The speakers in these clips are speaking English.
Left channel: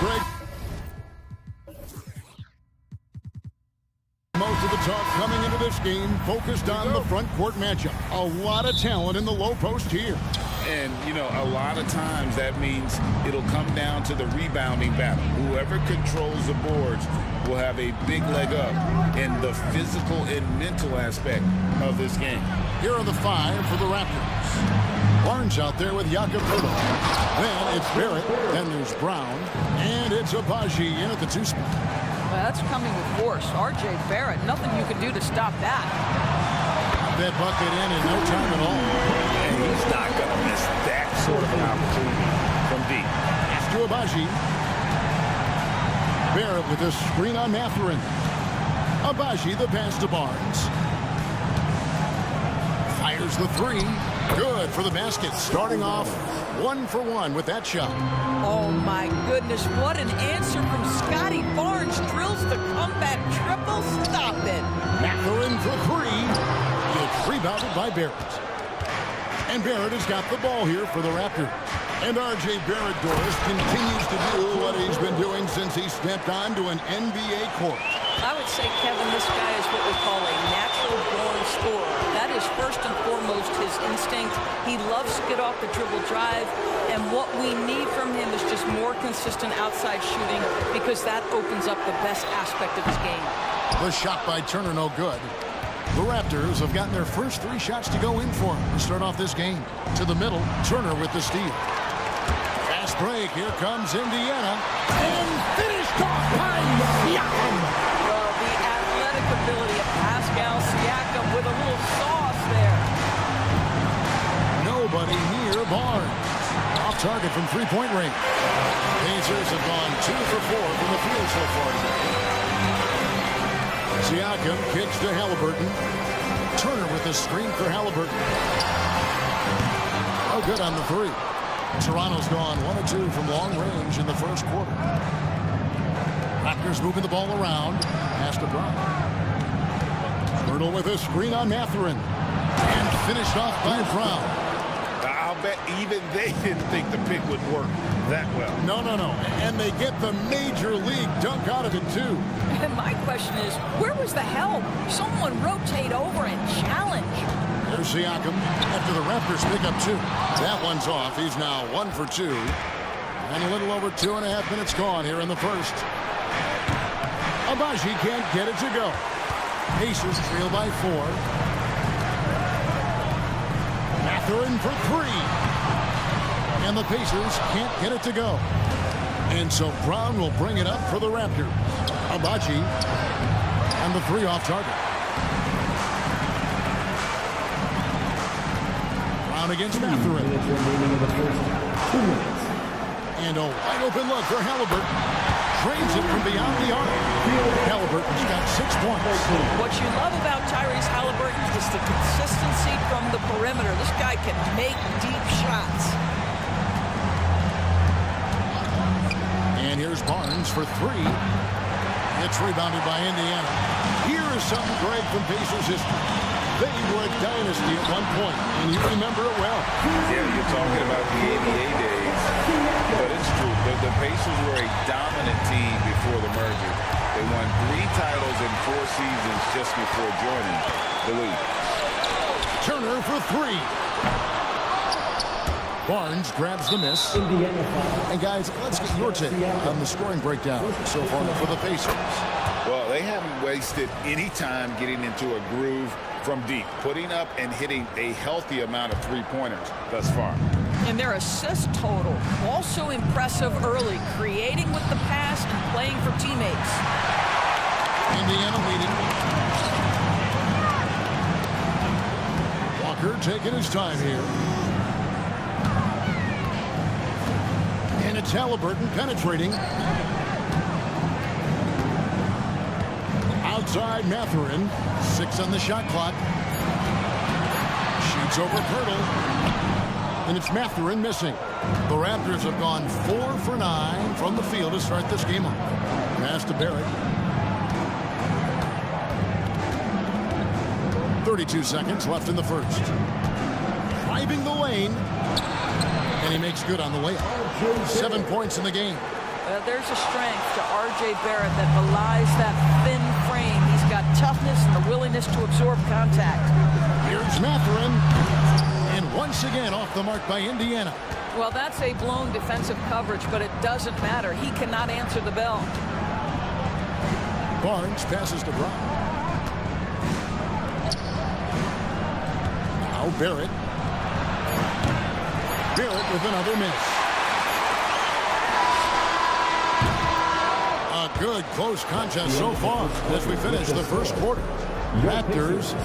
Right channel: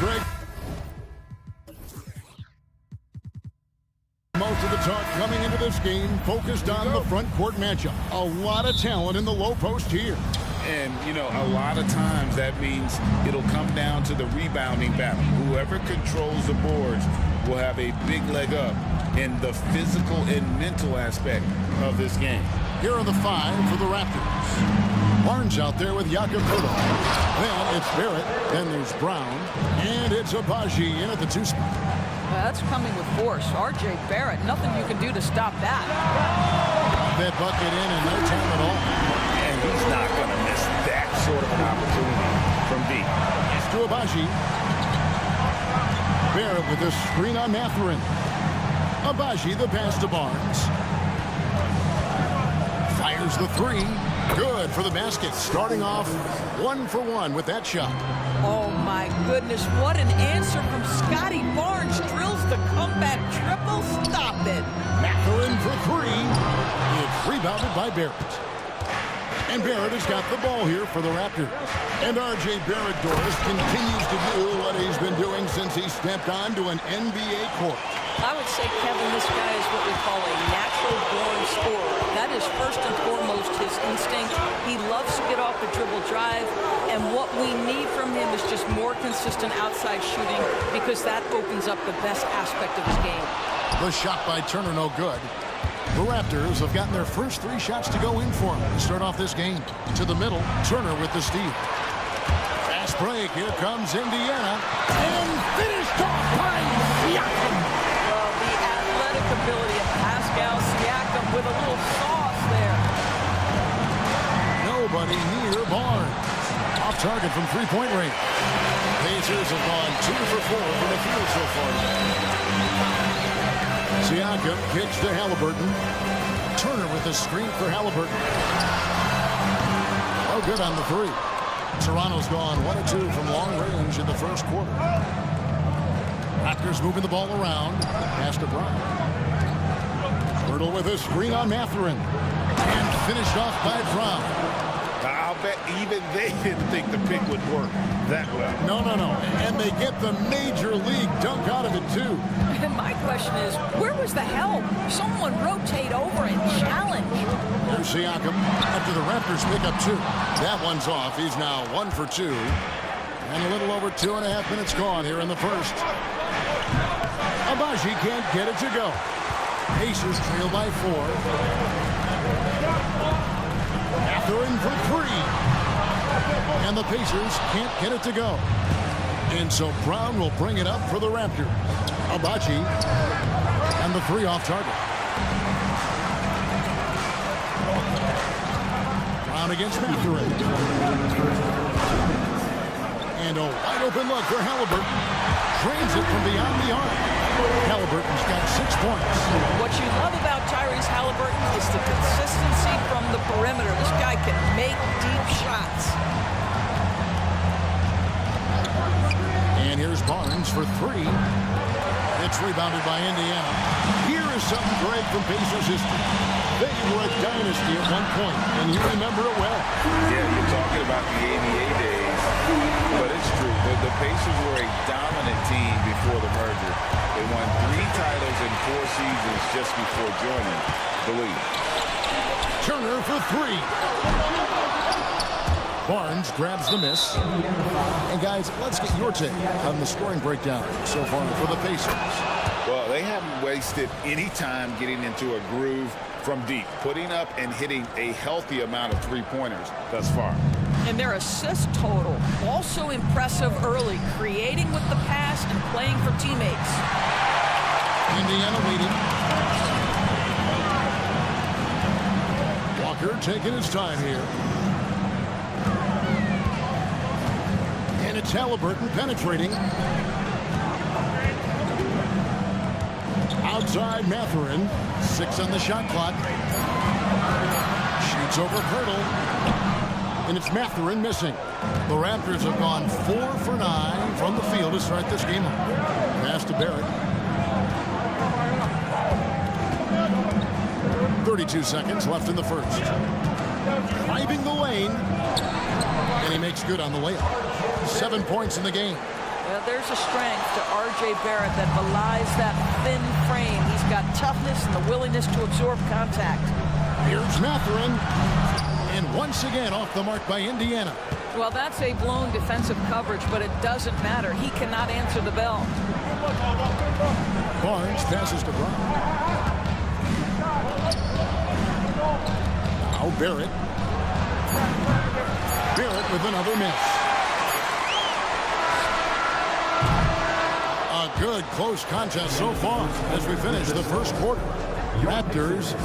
Greg. Most of the talk coming into this game focused on the front court matchup. A lot of talent in the low post here. And, you know, a lot of times that means it'll come down to the rebounding battle. Whoever controls the boards will have a big leg up in the physical and mental aspect of this game. Here are the 5 for the Raptors. Barnes out there with Jakob Poeltl. Then it's Barrett. Then there's Brown. And it's Agbaji in at the 2 spot. Well, that's coming with force. R.J. Barrett, nothing you can do to stop that. Got that bucket in no time at all. And he's not going to miss that sort of an opportunity from deep. Pass to Agbaji. Barrett with a screen on Mathurin. Agbaji the pass to Barnes. Fires the 3. Good for the basket. Starting off 1 for 1 with that shot. Oh, my goodness. What an answer from Scotty Barnes. Drills the comeback triple. Stop it. Mathurin for 3. It's rebounded by Barrett. And Barrett has got the ball here for the Raptors. And R.J. Barrett, Doris, continues to do what he's been doing since he stepped onto an NBA court. I would say, Kevin, this guy is what we call a natural-born scorer. That is first and foremost his instinct. He loves to get off the dribble drive, and what we need from him is just more consistent outside shooting because that opens up the best aspect of his game. The shot by Turner, no good. The Raptors have gotten their first 3 shots to go in for him to start off this game. To the middle, Turner with the steal. Fast break, here comes Indiana. And finished off by Siakam. Well, the athletic ability of Pascal Siakam with a little sauce there. Nobody near Barnes. Off target from 3-point range. Pacers have gone 2 for 4 from the field so far today. Siakam kicks to Halliburton. Turner with the screen for Halliburton. No good on the 3. Toronto's gone 1 of 2 from long range in the first quarter. Raptors moving the ball around. Pass to Brown. Squirtle with a screen on Mathurin. And finished off by Brown. I'll bet even they didn't think the pick would work that well. No. And they get the major league dunk out of it, too. And my question is, where was the help? Someone rotate over and challenge. There's Siakam after the Raptors pick up 2. That one's off. He's now 1 for 2. And a little over 2.5 minutes gone here in the first. Agbaji can't get it to go. Pacers trail by 4. Mathurin for 3. And the Pacers can't get it to go. And so Brown will bring it up for the Raptors. Agbaji and the 3 off target. Brown against Mathurin. And a wide open look for Halliburton. Drains it from beyond the arc. Halliburton's got 6 points. What you love about Tyrese Halliburton is the consistency from the perimeter. This guy can make deep shots. And here's Barnes for 3. It's rebounded by Indiana. Here is something, Greg, from Pacers history. They were a dynasty at one point, and you remember it well. Yeah, you're talking about the ABA days, but it's true. The Pacers were a dominant team before the merger. They won 3 titles in 4 seasons just before joining the league. Turner for 3. Barnes grabs the miss. And guys, let's get your take on the scoring breakdown so far for the Pacers. Well, they haven't wasted any time getting into a groove from deep, putting up and hitting a healthy amount of 3-pointers thus far. And their assist total, also impressive early, creating with the pass and playing for teammates. Indiana leading. Walker taking his time here. And it's Halliburton penetrating. Outside Mathurin. 6 on the shot clock. Shoots over Poeltl. And it's Mathurin missing. The Raptors have gone 4 for 9 from the field to start this game off. Pass to Barrett. 32 seconds left in the first. Driving the lane. And he makes good on the layup. 7 points in the game. Well, there's a strength to R.J. Barrett that belies that thin frame. He's got toughness and the willingness to absorb contact. Here's Mathurin. And once again off the mark by Indiana. Well, that's a blown defensive coverage, but it doesn't matter. He cannot answer the bell. Barnes passes to Brown. Now Barrett. Barrett with another miss. A good close contest so far as we finish the first quarter. Raptors.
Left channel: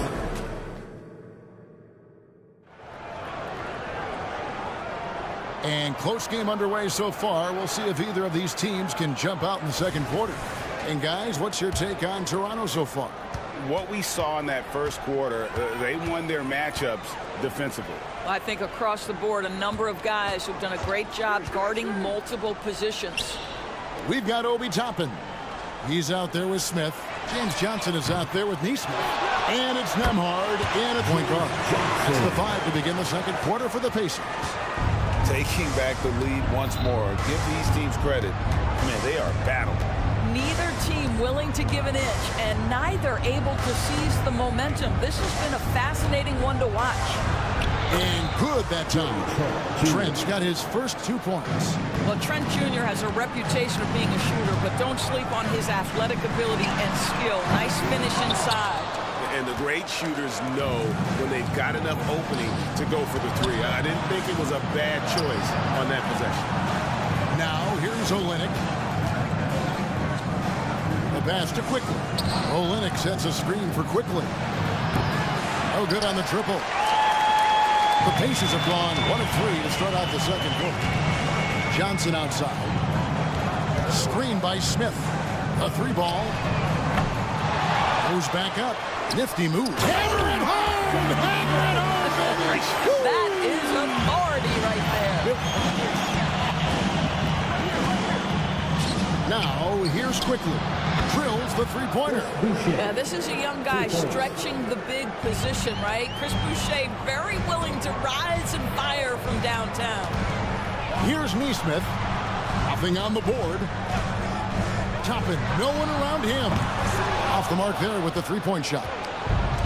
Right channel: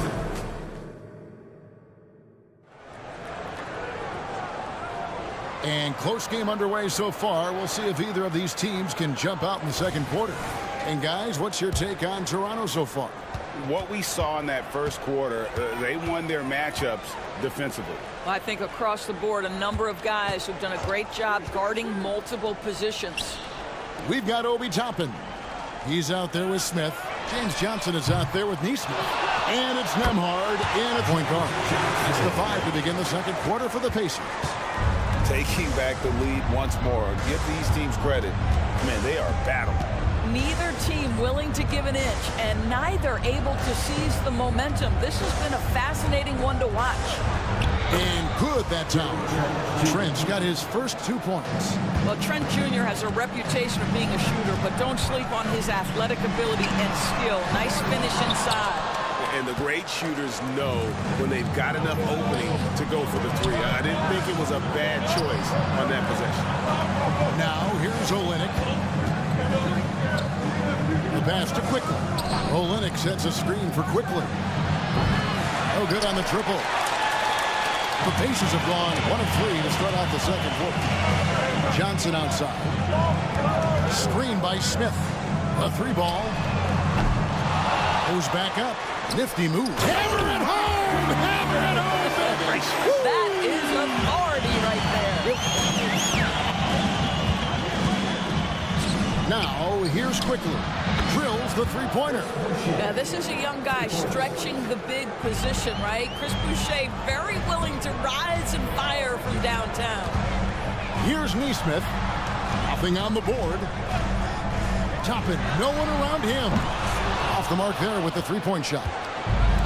And close game underway so far. We'll see if either of these teams can jump out in the second quarter. And guys, what's your take on Toronto so far? What we saw in that first quarter, they won their matchups defensively. Well, I think across the board, a number of guys who've done a great job guarding multiple positions. We've got Obi Toppin. He's out there with Smith. James Johnson is out there with Nesmith. And it's Nembhard in at point guard. That's the 5 to begin the second quarter for the Pacers. Taking back the lead once more. Give these teams credit. Man, they are battling. Neither team willing to give an inch, and neither able to seize the momentum. This has been a fascinating one to watch. And good that time. Trent's got his first 2 points. Well, Trent Jr. has a reputation of being a shooter, but don't sleep on his athletic ability and skill. Nice finish inside. And the great shooters know when they've got enough opening to go for the 3. I didn't think it was a bad choice on that possession. Now here's Olynyk. The pass to Quickly. Olynyk sets a screen for Quickly. Oh, good on the triple. The Pacers have gone 1 of 3 to start out the second quarter. Johnson outside. Screen by Smith. A 3-ball. Goes back up. Nifty move. Hammer it home! Hammer it home, baby! That is authority right there. Now, here's Quickly. Drills the 3-pointer. Now, this is a young guy stretching the big position, right? Chris Boucher very willing to rise and fire from downtown. Here's Nesmith. Nothing on the board. Toppin, no one around him. Off the mark there with the 3-point shot.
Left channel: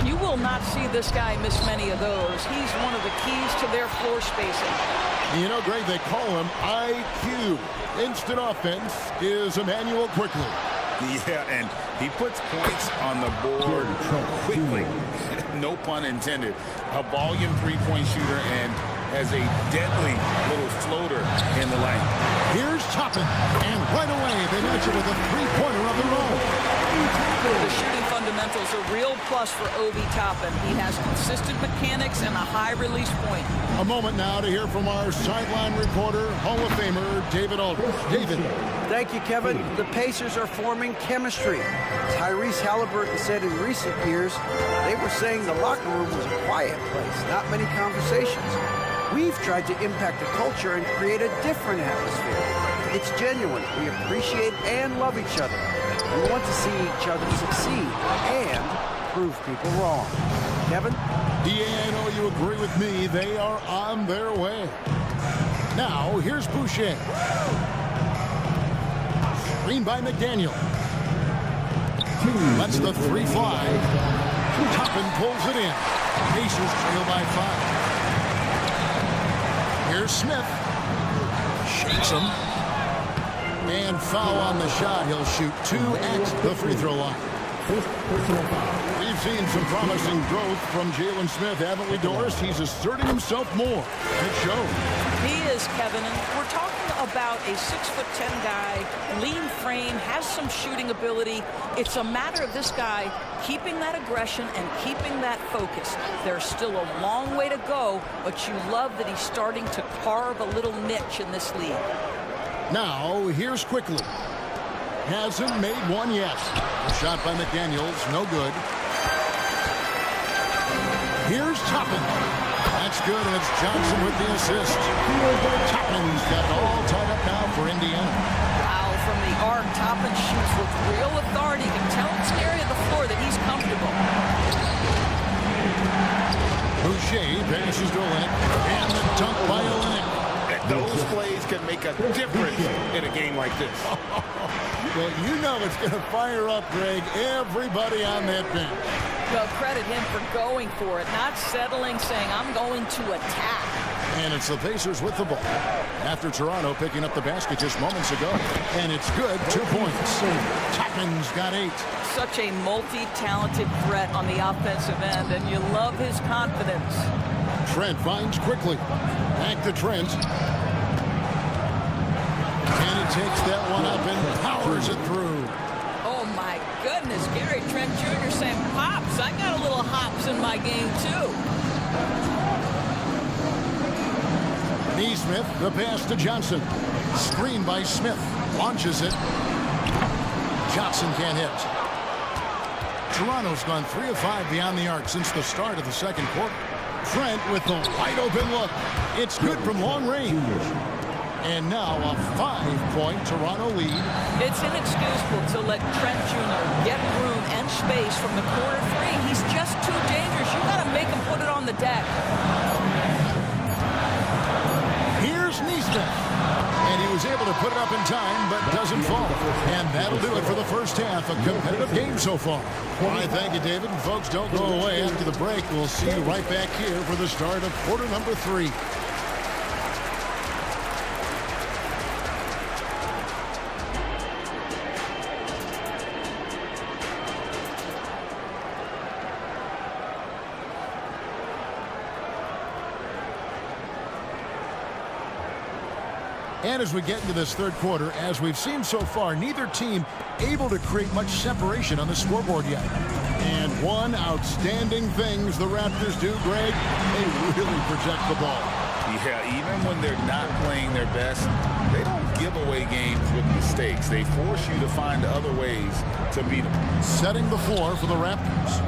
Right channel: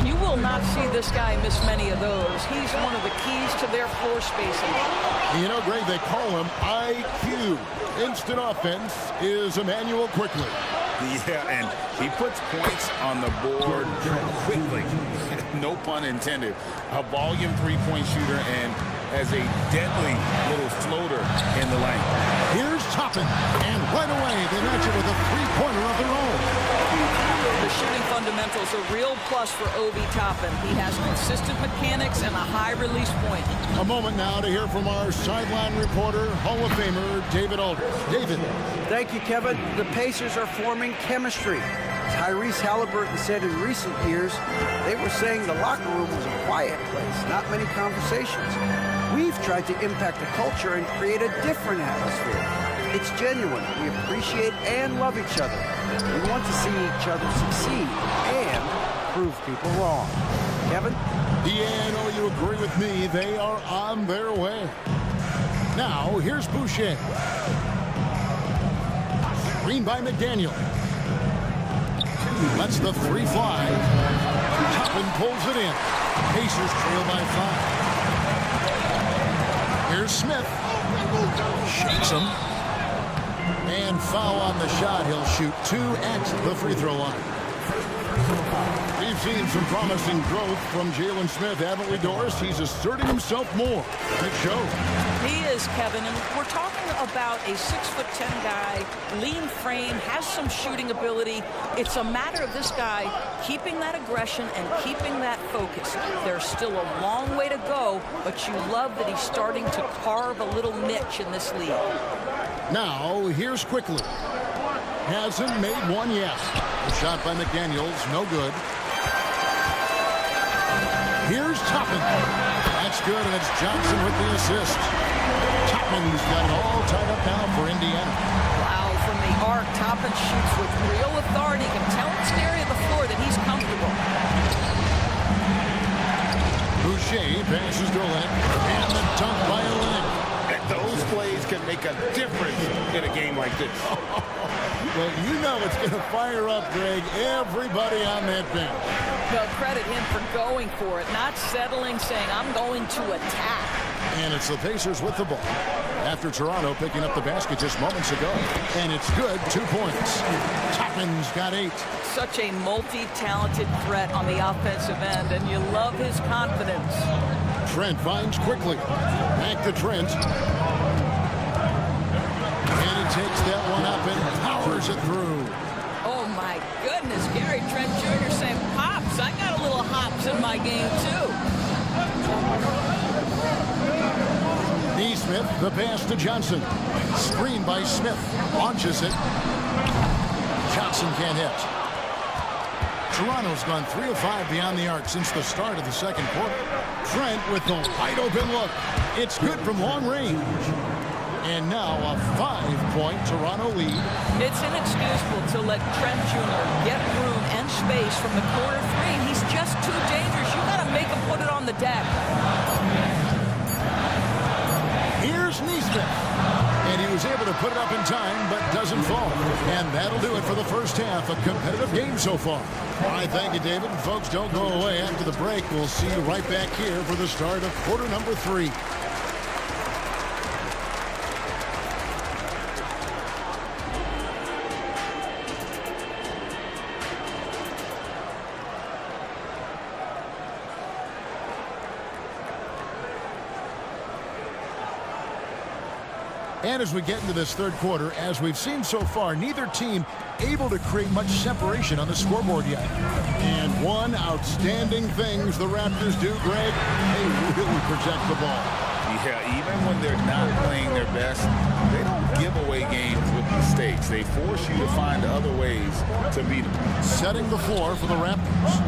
You will not see this guy miss many of those. He's one of the keys to their floor spacing. You know, Greg, they call him IQ. Instant offense is Emmanuel Quickly. Yeah, and he puts points on the board quickly. No pun intended. A volume 3-point shooter and has a deadly little floater in the lane. Here's Toppin, and right away they match it with a 3-pointer of their own. The shooting fundamentals are real plus for Obi Toppin. He has consistent mechanics and a high release point. A moment now to hear from our sideline reporter, Hall of Famer David Aldridge. David. Thank you, Kevin. The Pacers are forming chemistry. Tyrese Halliburton said in recent years, they were saying the locker room was a quiet place, not many conversations. We've tried to impact the culture and create a different atmosphere. It's genuine. We appreciate and love each other. We want to see each other succeed and prove people wrong. Kevin? Yeah, I know you agree with me. They are on their way. Now, here's Boucher. Screen by McDaniel. Lets the 3 fly. Toppin pulls it in. Pacers trail by 5. Here's Smith. Shakes him. And foul on the shot. He'll shoot 2 at the free throw line. We've seen some promising growth from Jalen Smith, haven't we, Doris? He's asserting himself more. It shows. He is, Kevin, and we're talking about a 6'10" guy, lean frame, has some shooting ability. It's a matter of this guy keeping that aggression and keeping that focus. There's still a long way to go, but you love that he's starting to carve a little niche in this league. Now, here's Quickly. Hasn't made one yet. A shot by McDaniels, no good. Here's Toppin. That's good, and it's Johnson with the assist. Toppin's got it all tied up now for Indiana. Wow, from the arc, Toppin shoots with real authority. You can tell it's an area of the floor that he's comfortable. Boucher passes to Olynyk, and the dunk by Olynyk. Those plays can make a difference in a game like this. Well, you know it's going to fire up, Greg, everybody on that bench. No, credit him for going for it, not settling, saying, I'm going to attack. And it's the Pacers with the ball after Toronto picking up the basket just moments ago. And it's good, 2 points. Toppin's got 8. Such a multi-talented threat on the offensive end, and you love his confidence. Trent finds quickly. Back to Trent. And he takes that one up and powers it through. Oh, my goodness. Gary Trent Jr. saying, Pops, I got a little hops in my game, too. Neesmith, the pass to Johnson. Screen by Smith. Launches it. Johnson can't hit. Toronto's gone 3 of 5 beyond the arc since the start of the second quarter. Trent with the wide open look. It's good from long range. And now a 5-point Toronto lead. It's inexcusable to let Trent Jr. get room and space from the corner 3. He's just too dangerous. You got to make him put it on the deck. Here's Neesmith. And he was able to put it up in time, but doesn't fall. And that'll do it for the first half. A competitive game so far. All right, thank you, David. And folks, don't go away. After the break, we'll see you right back here for the start of quarter number 3. And as we get into this third quarter, as we've seen so far, neither team able to create much separation on the scoreboard yet. And one outstanding things the Raptors do, Greg, they really protect the ball. Yeah, even when they're not playing their best, they don't give away games with mistakes. They force you to find other ways to beat them. Setting the floor for the Raptors.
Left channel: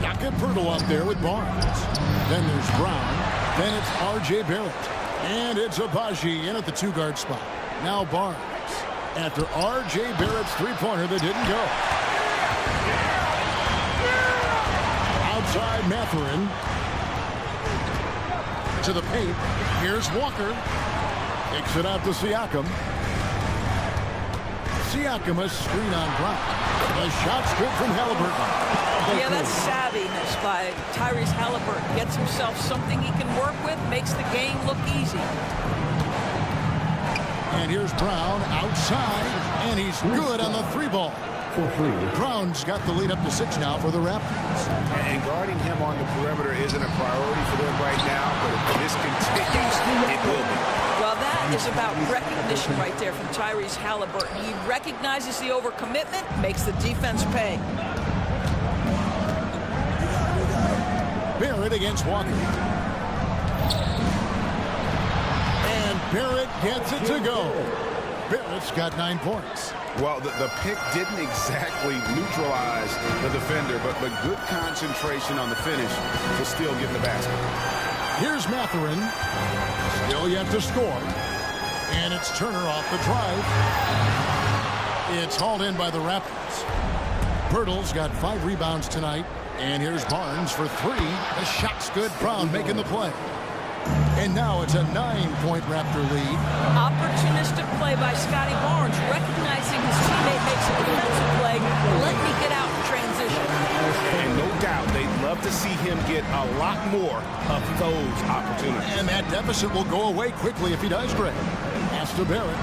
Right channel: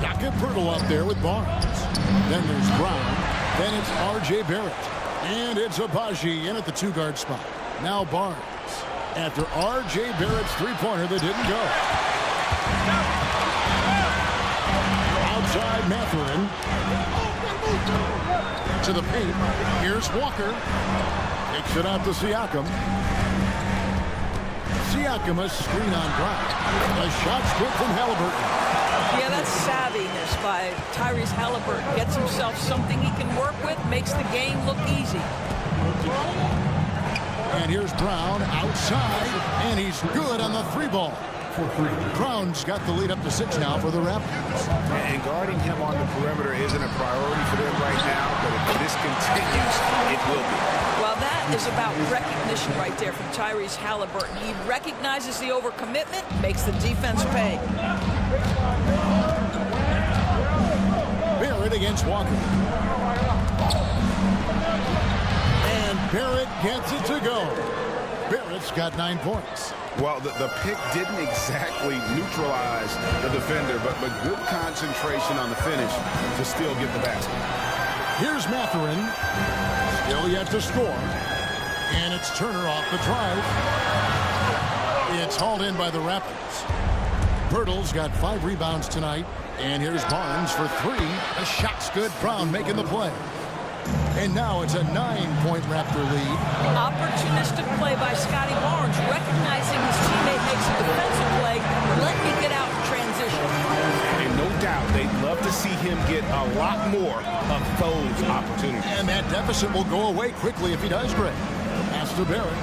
Jakob Poeltl up there with Barnes. Then there's Brown. Then it's R.J. Barrett. And it's Abaji in at the 2-guard spot. Now Barnes after R.J. Barrett's three-pointer that didn't go. Outside Mathurin. To the paint. Here's Walker. Kicks it out to Siakam. Siakam a screen on Brown. The shot's good from Halliburton. Yeah, that's savviness by Tyrese Halliburton. Gets himself something he can work with, makes the game look easy. And here's Brown outside, and he's good on the 3-ball. Brown's got the lead up to 6 now for the Raptors. And guarding him on the perimeter isn't a priority for them right now, but if this continues, it will be. Well, that is about recognition right there from Tyrese Halliburton. He recognizes the overcommitment, makes the defense pay. Barrett against Walker. And Barrett gets it to go. Barrett's got 9 points. Well, the pick didn't exactly neutralize the defender, but good concentration on the finish to still get the basket. Here's Mathurin. Still yet to score. And it's Turner off the drive. It's hauled in by the Raptors. Poeltl's got 5 rebounds tonight. And here's Barnes for 3. The shot's good. Brown making the play. And now it's a 9-point Raptor lead. Opportunistic play by Scotty Barnes, recognizing his teammate makes a defensive play. Let me get out in transition. And no doubt they'd love to see him get a lot more of those opportunities. And that deficit will go away quickly if he does, Greg. Pass to Barrett.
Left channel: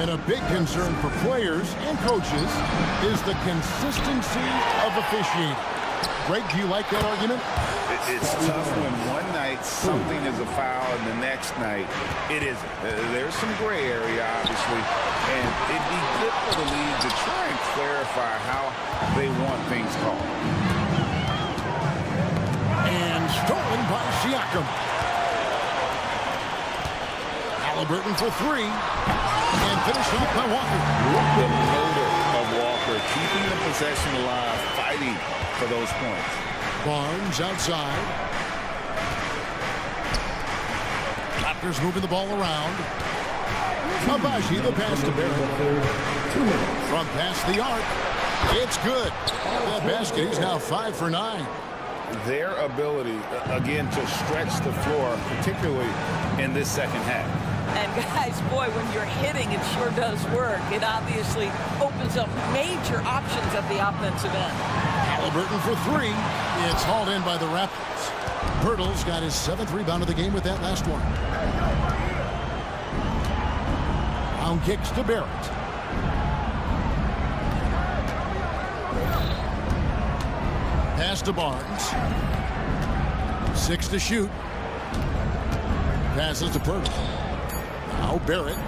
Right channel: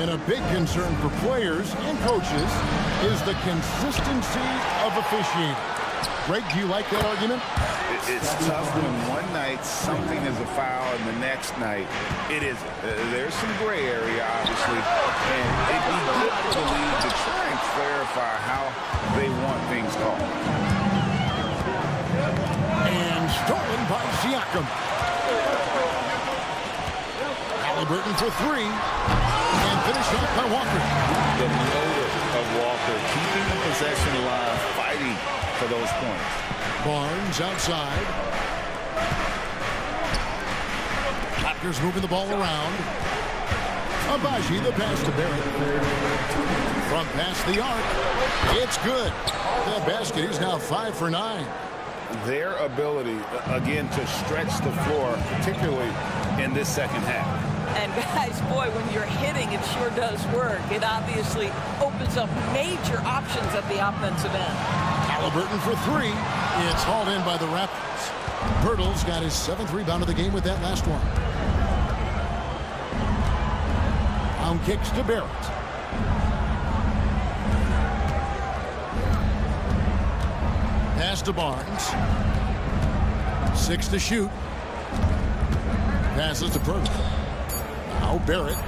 And a big concern for players and coaches is the consistency of officiating. Greg, do you like that argument? It's tough when one night something is a foul and the next night it isn't. There's some gray area, obviously, and it'd be good for the league to try and clarify how they want things called. And stolen by Siakam. Halliburton for 3. And finished off by Walker. The motor of Walker, keeping the possession alive, fighting for those points. Barnes outside. Raptors moving the ball around. Abaji, the pass to Barrett. From past the arc. It's good. That basket, he's now 5 for 9. their ability, again, to stretch the floor, particularly in this second half. And guys, boy, when you're hitting, it sure does work. It obviously opens up major options at the offensive end. Halliburton for three. It's hauled in by the Raptors. Pirtle's got his 7th rebound of the game with that last one. Brown kicks to Barrett. Pass to Barnes. 6 to shoot. Passes to Pirtle. Now Barrett.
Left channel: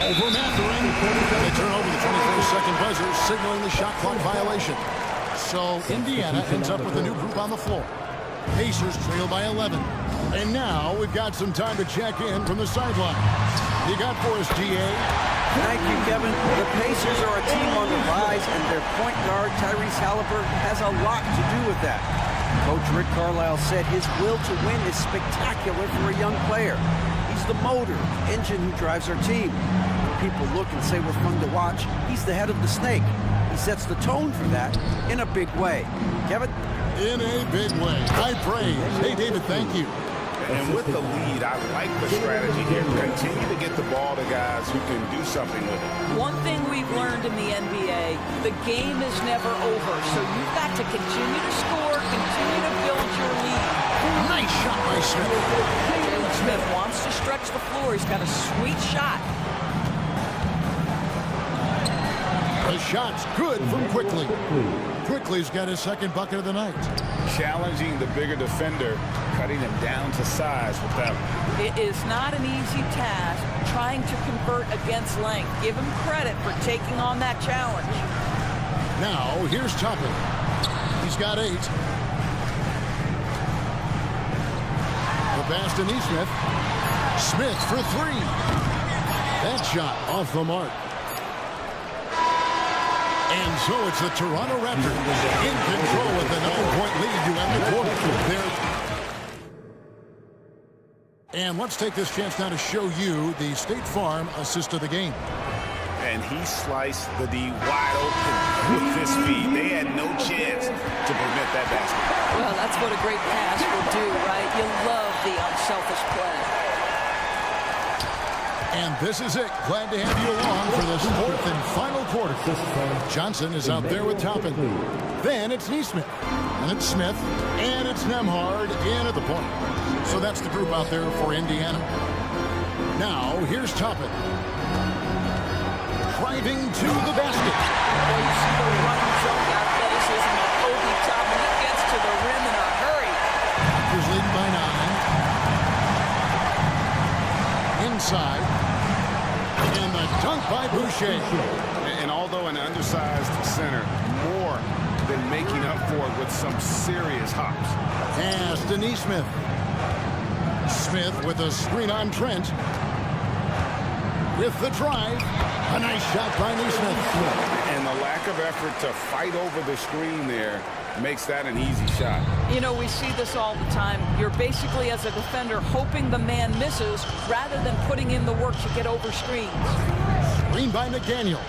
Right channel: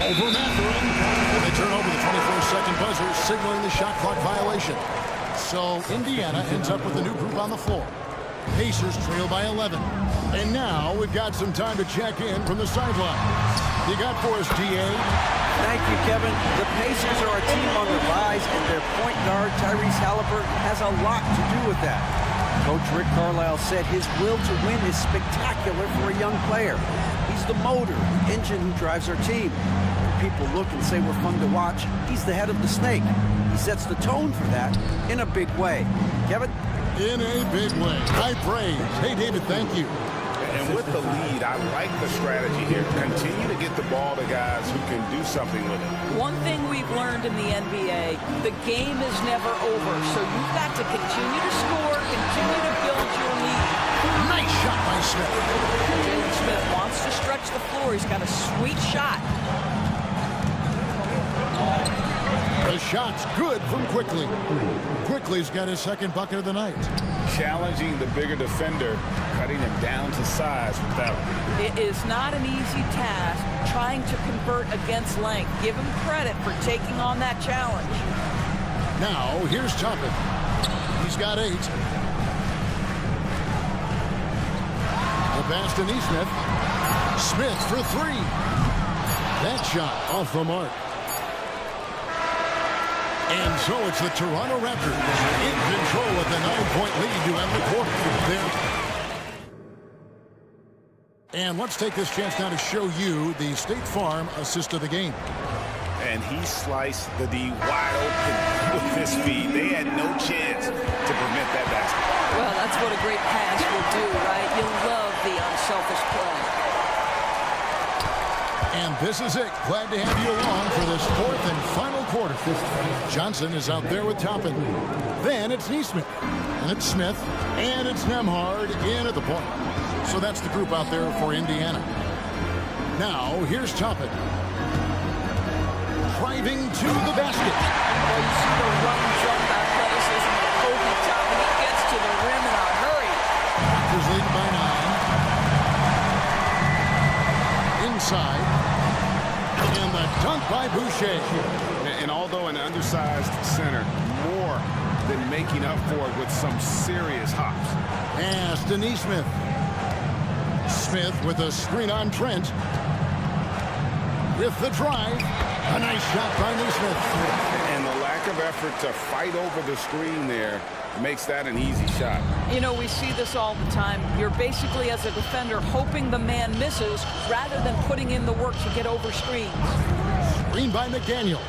Over Mathurin. And they turn over the 24-second buzzer, signaling the shot clock violation. So Indiana ends up with a new group on the floor. Pacers trail by 11. And now we've got some time to check in from the sidelines. You got for us, GA? Thank you, Kevin. The Pacers are a team on the rise, and their point guard, Tyrese Halliburton, has a lot to do with that. Coach Rick Carlisle said his will to win is spectacular for a young player. He's the motor, the engine who drives our team. When people look and say we're fun to watch, he's the head of the snake. He sets the tone for that in a big way. Kevin? In a big way. High praise. Hey, David, thank you. And with the lead, I like the strategy here. Continue to get the ball to guys who can do something with it. One thing we've learned in the NBA, the game is never over. So you've got to continue to score, continue to build your lead. Nice shot by Smith. And Jalen Smith wants to stretch the floor. He's got a sweet shot. The shot's good from Quickly. Quickly's got his 2nd bucket of the night. Challenging the bigger defender, cutting him down to size with that one. It is not an easy task trying to convert against length. Give him credit for taking on that challenge. Now, here's Toppin. He's got 8. The pass to Neesmith. Smith for 3. That shot off the mark. And so it's the Toronto Raptors in control with a 9-point lead to end the quarter. And let's take this chance now to show you the State Farm assist of the game. And he sliced the D wide open with his feet. They had no chance to prevent that basket. Well, that's what a great pass will do, right? You love the unselfish play. And this is it. Glad to have you along for this 4th and final quarter. Johnson is out there with Toppin. Then it's Neesmith. And it's Smith. And it's Nembhard in at the point. So that's the group out there for Indiana. Now, here's Toppin. Driving to the basket. Well, you see the run, jump athleticism of Obi Toppin. He gets to the rim in a hurry. Raptors leading by 9. Inside. And the dunk by Boucher. And although an undersized center, more than making up for it with some serious hops. Pass to Neesmith. Smith with a screen on Trent. With the drive. A nice shot by Neesmith. And the lack of effort to fight over the screen there makes that an easy shot. You know, we see this all the time. You're basically, as a defender, hoping the man misses rather than putting in the work to get over screens. Screen by McDaniel.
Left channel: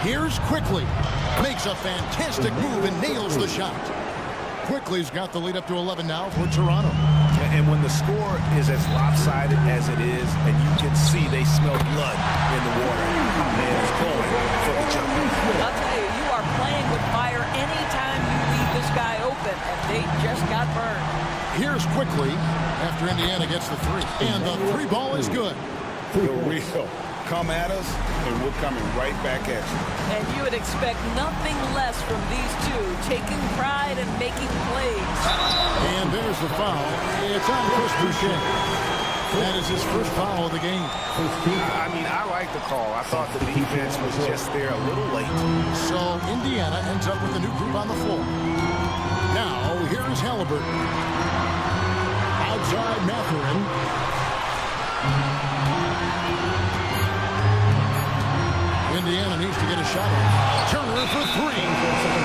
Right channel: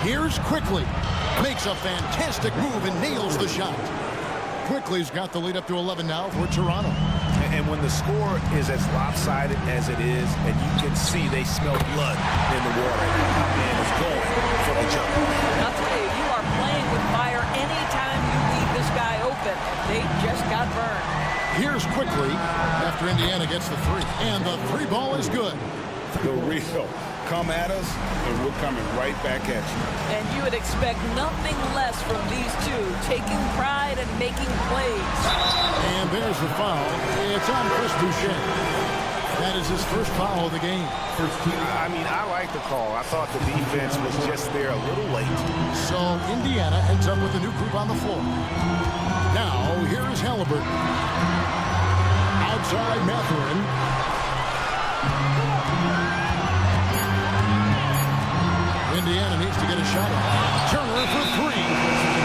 Here's Quickly. Makes a fantastic move and nails the shot. Quickly's got the lead up to 11 now for Toronto. And when the score is as lopsided as it is, and you can see they smell blood in the water, and the top man is going for the jumper. I'll tell you, you are playing with fire anytime you leave this guy open, and they just got burned. Here's Quickly after Indiana gets the 3. And the 3 ball is good. The real. Come at us, and we're coming right back at you. And you would expect nothing less from these two, taking pride and making plays. And there's the foul. It's on Chris Boucher. That is his first foul of the game. I mean, I like the call. I thought the defense was just there a little late. So Indiana ends up with a new group on the floor. Now, here's Halliburton. Outside Mathurin. Indiana needs to get a shot off. Turner for 3.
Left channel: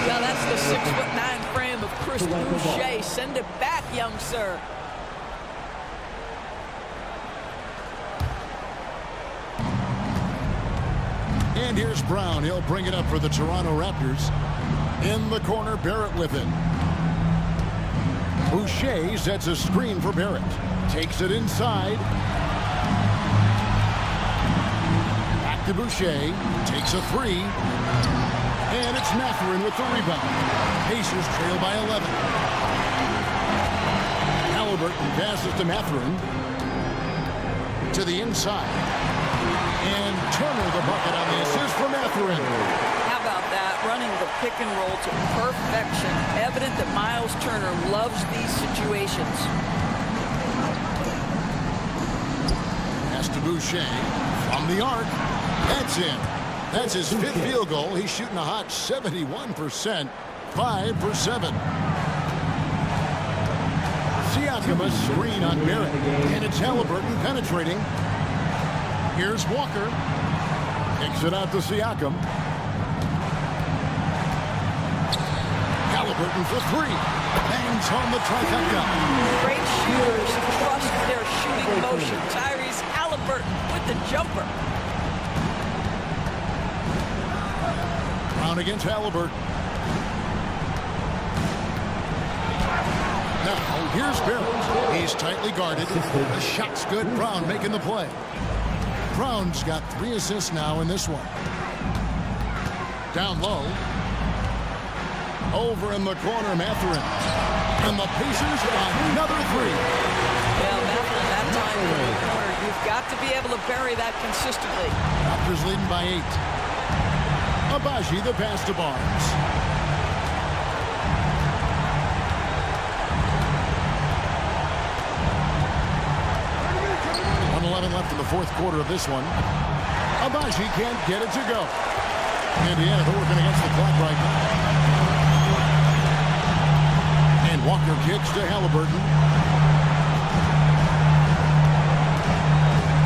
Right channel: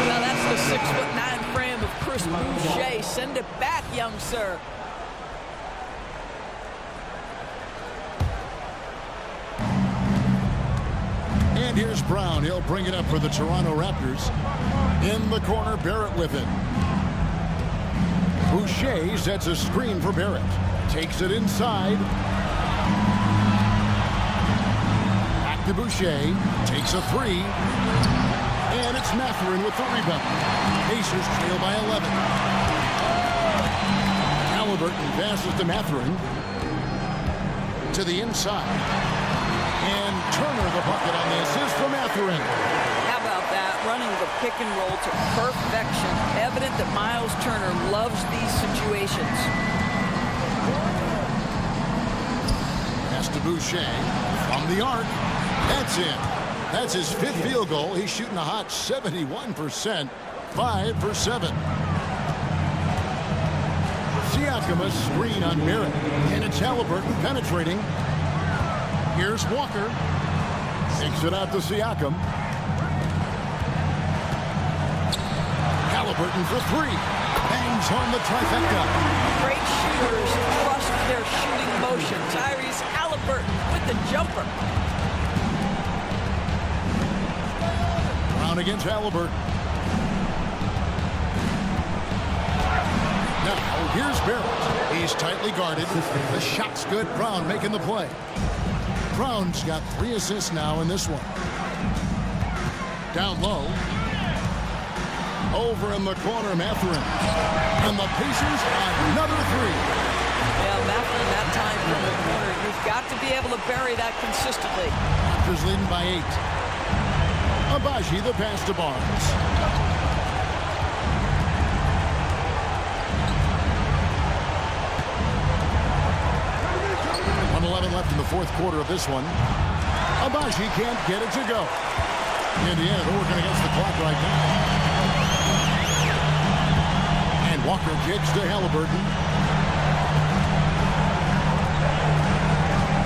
Now that's the 6'9" frame of Chris Boucher. Send it back, young sir. And And here's Brown. He'll bring it up for the Toronto Raptors. In the corner, Barrett with it. Boucher sets a screen for Barrett. Takes it inside. Back to Boucher. Takes a three. And it's Mathurin with the rebound. Pacers trail by 11. Halliburton passes to Mathurin. To the inside. And Turner the bucket on the assist for Mathurin. How about that? Running the pick and roll to perfection. Evident that Miles Turner loves these situations. Pass to Boucher from the arc. That's in. That's his 5th field goal. He's shooting a hot 71%. 5 for 7. Siakam a screen on Barrett. And it's Halliburton penetrating. Here's Walker. Kicks it out to Siakam. Halliburton for 3. Bangs home the trifecta. Great shooters trust their shooting motion. Tyrese Halliburton with the jumper. Brown against Halliburton. Now, here's Barrett. He's tightly guarded. The shot's good. Brown making the play. Brown's got 3 assists now in this one. Down low. Over in the corner, Mathurin. And the Pacers, another 3. Yeah, Mathurin that time from the corner. You've got to be able to bury that consistently. Raptors leading by 8. Abaji the pass to Barnes. .11 left in the 4th quarter of this one. Abaji can't get it to go. Indiana, they're working against the clock right now. And Walker kicks to Halliburton.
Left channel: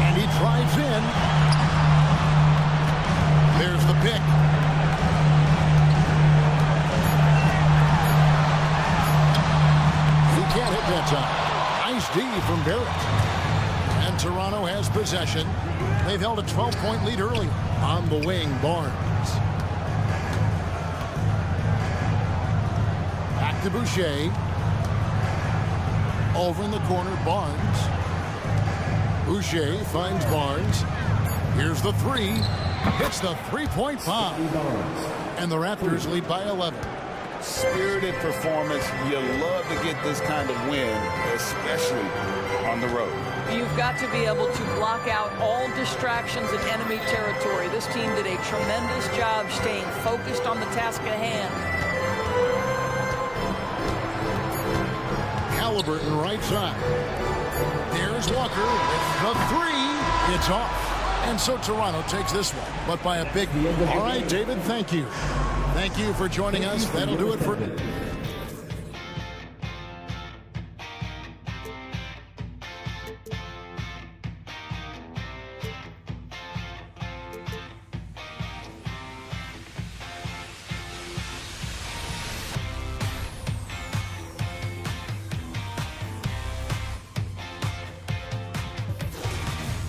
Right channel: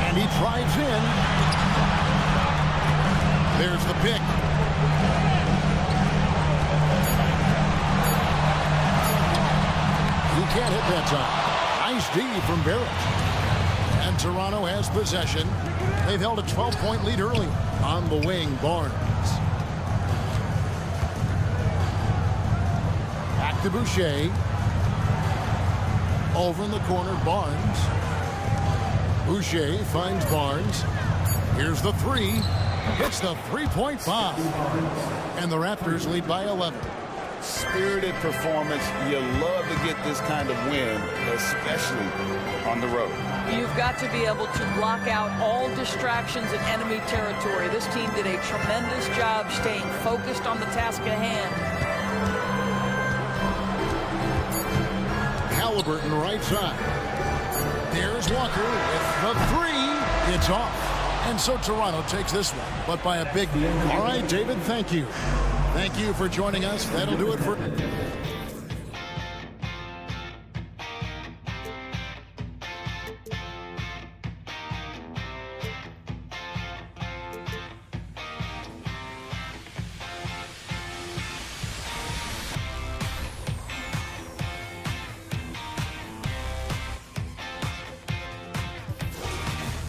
And he drives in. There's the pick. He can't hit that time. Nice D from Barrett. And Toronto has possession. They've held a 12-point lead earlier. On the wing, Barnes. Back to Boucher. Over in the corner, Barnes. Boucher finds Barnes. Here's the 3. Hits the 3-point bomb. And the Raptors lead by 11. Spirited performance. You love to get this kind of win, especially on the road. You've got to be able to block out all distractions in enemy territory. This team did a tremendous job staying focused on the task at hand. Halliburton right side. There's Walker with the 3. It's off. And so Toronto takes this one, but by a big... All right, David, thank you. Thank you for joining us. That'll do it for...